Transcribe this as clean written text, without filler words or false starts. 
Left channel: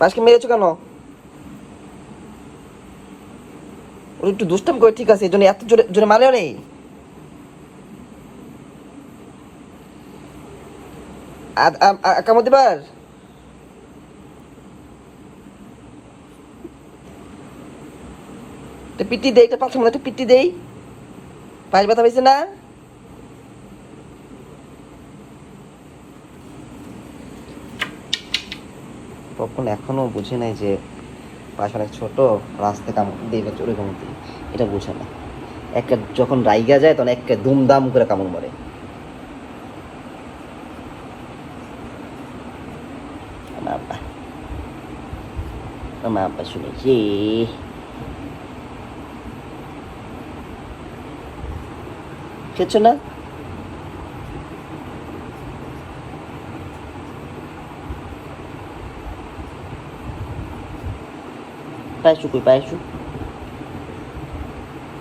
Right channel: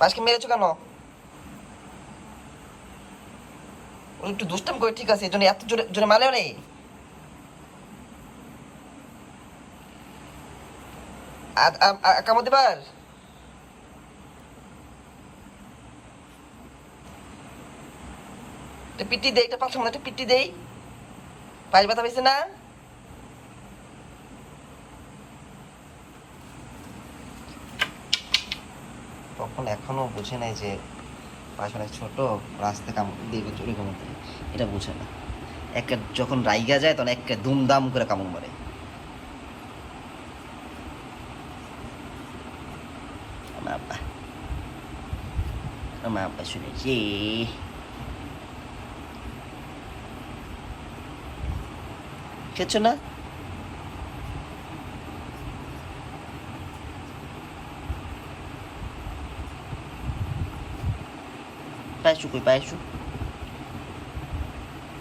পাশকে মেরেছো কেন? ও একটু দুষ্টাম করে, ঠিক আছে, এই জন্য এত জোরে জোরে মারে রে। কামড় দিবার। পিটি দেই, এটা পাশে মনে একটা পিটি দেই। পাশ ব্যথা পেয়েছে না? তখন এখনো বুঝি নাই যে পাশ অনেক ছোট, রাস্তায় কামড় দেবে, জোরে কামড় দিই, এটা বুঝে না। একে যখন রাইগা যায় তখন একে দুমদাম করে কামড় মারে। আমার আব্বা, আমার আব্বা শুনেছি। খেয়েছো না? পায়েসু কই, পায়েসু?